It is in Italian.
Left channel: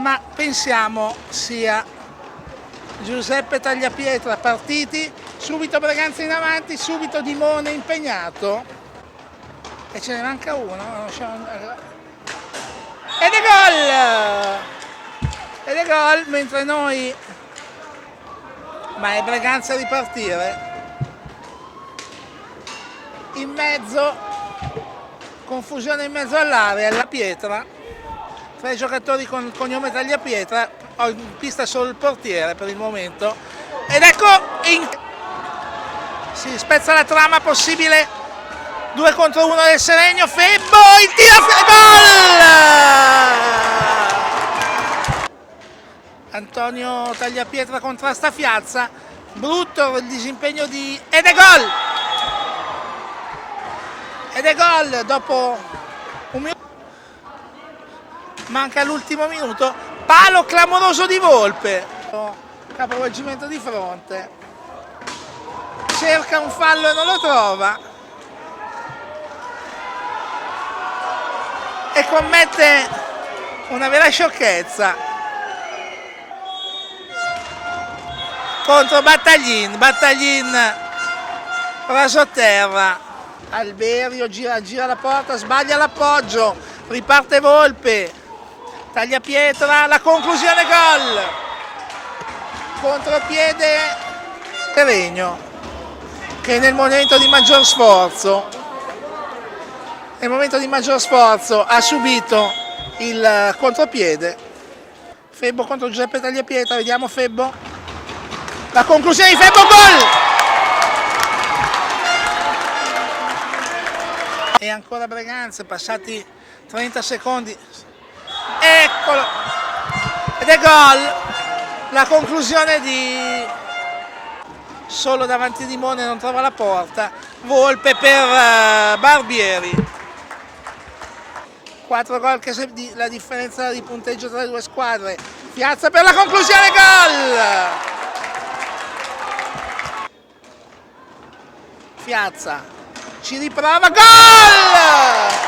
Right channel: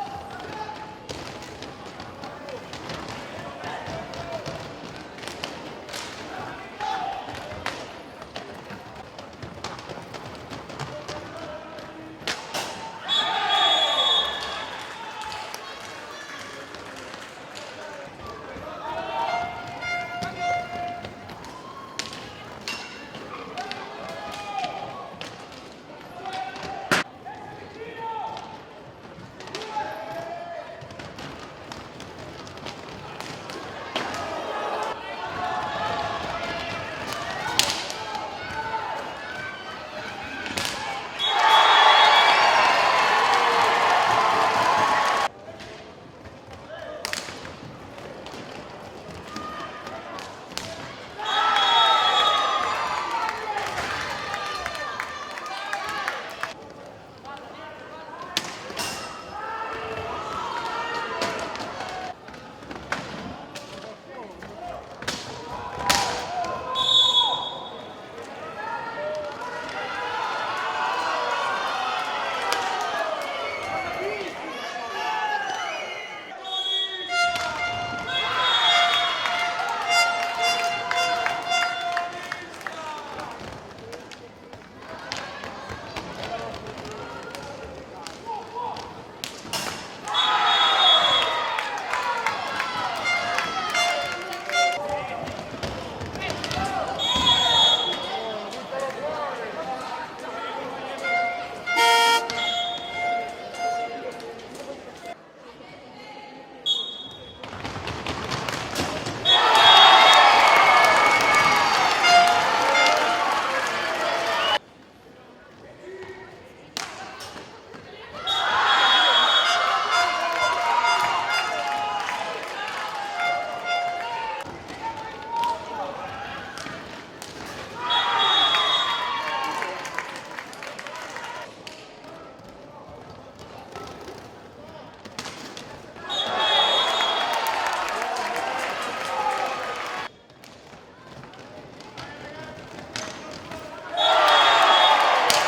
ma pensiamo sia Giuseppe Tagliapietra partiti, subito Braganza in avanti, subito Dimone impegnato e ce ne manca uno. Ed è gol! Ed è gol mentre noi, ma è Braganza a ripartire. In mezzo, confusione in mezzo all'area, la Pietra, 3 giocatori con cognome Tagliapietra, ho in pista solo il portiere per il momento, ed ecco, si spezza la trama possibile, 2 contro 1 del Seregno, Febbo, il tiro, gol! Antonio Tagliapietra contrasta Fiazza, brutto il disimpegno ed è gol! Ed è gol dopo un minuto. Manca l'ultimo minuto, palo clamoroso di Volpe, capovolgimento di fronte, cerca un fallo e non lo trova e commette una vera sciocchezza contro Battaglin raso a terra. Alberio gira la porta, sbaglia l'appoggio, riparte Volpe, Tagliapietra, la conclusione, gol! Contropiede Seregno che nel momento di maggior sforzo ha subito il contropiede. Febbo contro Giuseppe Tagliapietra, vediamo Febbo, la conclusione di Febbo, gol! E ancora Braganza, passati 30 secondi, eccolo, ed è gol, la conclusione di solo davanti a Dimone, non trova la porta, Volpe per Barbieri, 4 gol che la differenza di punteggio tra le due squadre, Piazza per la conclusione, gol! Piazza ci riprova, gol!